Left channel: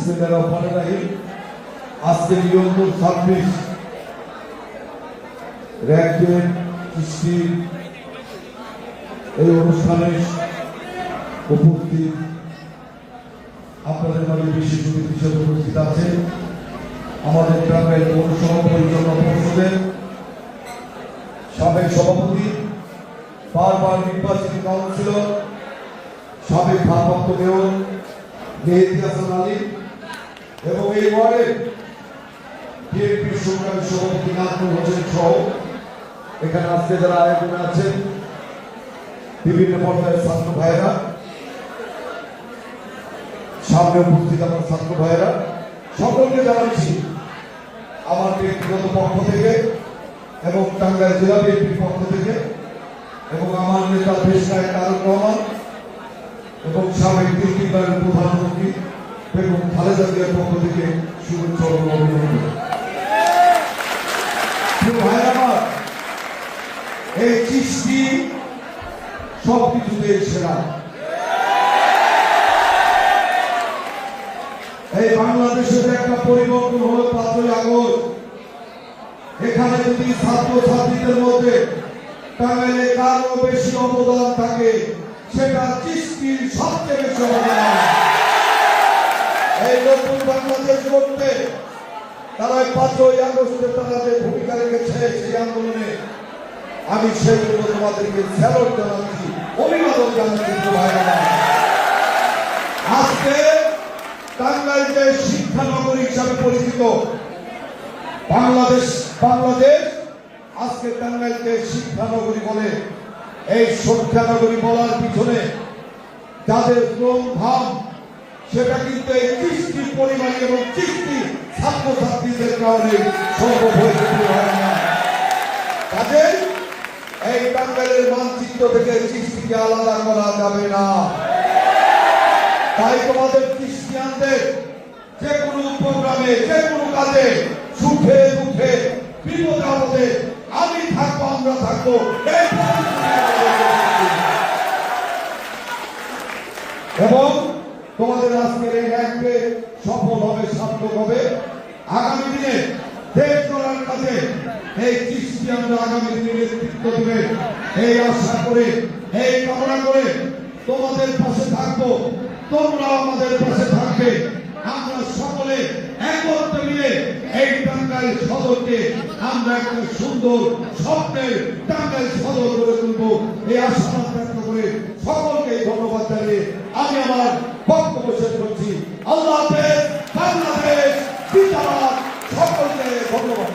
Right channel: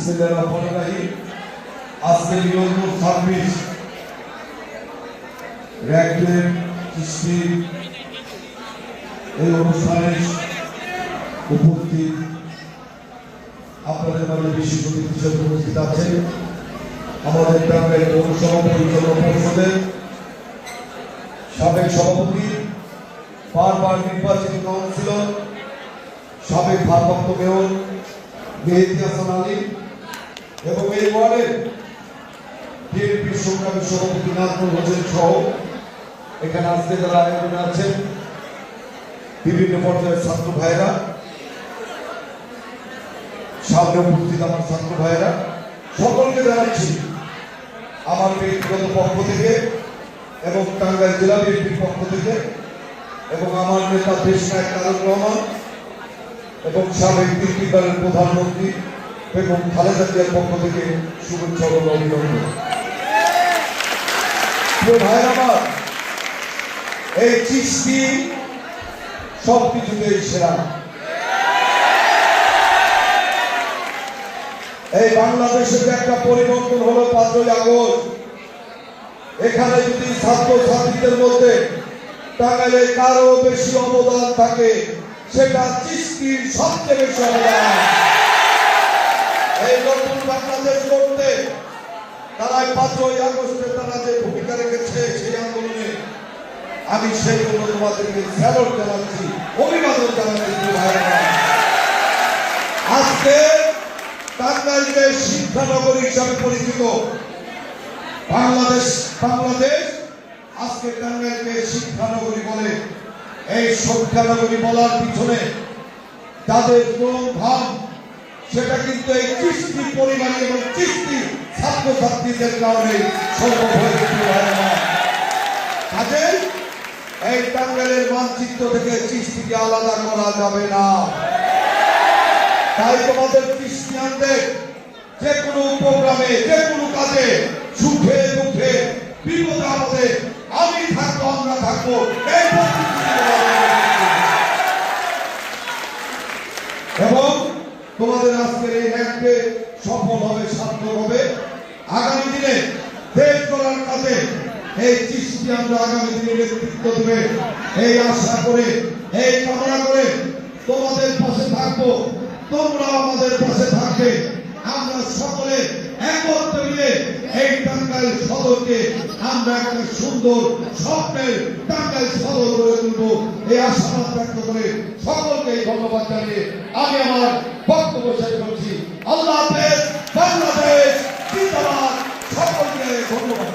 বিসমিল্লাহির আজকে নিয়ত 26 র্যাকের কৃষ্টি এই অনুষ্ঠানে উপস্থিত আপনাদের মধ্যে বিশেষ বিশেষ উপস্থিত আছেন আমাদের গ্রামের পৌরসভা পরিচালনা পরিষদের সাবেক সভাপতি, বারবার নির্বাচিত কাউন্সিলর, সাবেক ভারপ্রাপ্ত মেয়র মেহেদী হাসান আলী এবং এই ওয়ার্ডের বিএনপির সংগ্রামী সভাপতি নাজমুল হোসেন সহ এখানে আজকে যারা আয়োজনে আছেন বিভিন্ন পর্যায়ের ছাত্র ভাইরা, সামনে উপস্থিত আমার ছাত্র ভাইরা, সকলকে জানাচ্ছি আমার ব্যক্তিগত পক্ষ থেকে এবং টাঙ্গাইল জেলা বিএনপির পক্ষ থেকে এবং আমার নেতা দেশনায়ক তারেক রহমান এবং সাবেক তিনবারের প্রধানমন্ত্রী বেগম খালেদা জিয়ার পক্ষ থেকে শুভেচ্ছা ও অভিনন্দন। এই চিঠি সবকিছুতে সেরা। এই বাংলাদেশের একটা পরিবর্তন হলো 5ই আগস্ট। এখানে যদি ছাত্রছাত্রীদের মধ্যে টাঙ্গাইলে কারো বেশি অবদান থাকে সেটা চিস্তির সবচেয়ে বেশি অবদান। এই নতুন বাংলাদেশ করতে তারা 5ই আগস্টে তারা যে ভূমিকা রেখেছে সেই আন্দোলনে আমি সেই জন্য তোমাদেরকে স্যালুট জানাচ্ছি, অভিবাদন জানাচ্ছি। আজকে টাঙ্গাইলকে শিক্ষানগরী হিসাবে পরিচিত বাংলাদেশ আজকে টাঙ্গাইলকে শিক্ষানগরী বলে। এই শিক্ষানগরী বলার পিছনে যাদের ভাব সেটা কিন্তু এই চিস্তি পরিবার এবং চিস্তি ছাত্রছাত্রীদের কারণে সম্ভব হয়েছে। তাদের এই টাঙ্গাইলের মানচিত্র থেকে চিস্তিকে আলাদা করা যাবে না। তাই তোমাদের ক্রিশ্চিয়ানদের যে কোনো প্রোগ্রামে, যে কোনো কাজে, সুখে দুঃখে, বিপদে আপদে আমি থাকবো, আমরা থাকবো, এবং তোমাদের আজকের এই র্যাঙ্কে সফল হবে, সার্থক হবে। আগামী দিনে দেশ গড়ার কাজে এই ক্রিশ্চিয়ানরা আগামী দিনে নেতৃত্ব দেবে এই আশা করে, এই কামনা করে তোমাদের পাশে থাকবো, তোমরা আমাদের পাশে থাকবে। আমরা সকলে একত্রে মিলে এই টাঙ্গাইল সদরকে আমরা একটা সুন্দর স্বপ্নের টাঙ্গাইল সদর করে তুলবো এই আশাবাদ ব্যক্ত করে সকলকে ধন্যবাদ জানিয়ে আমি আমার বক্তব্য শেষ করছি। আল্লাহ হাফেজ, বাংলাদেশ জিন্দাবাদ। সকলকে ধন্যবাদ।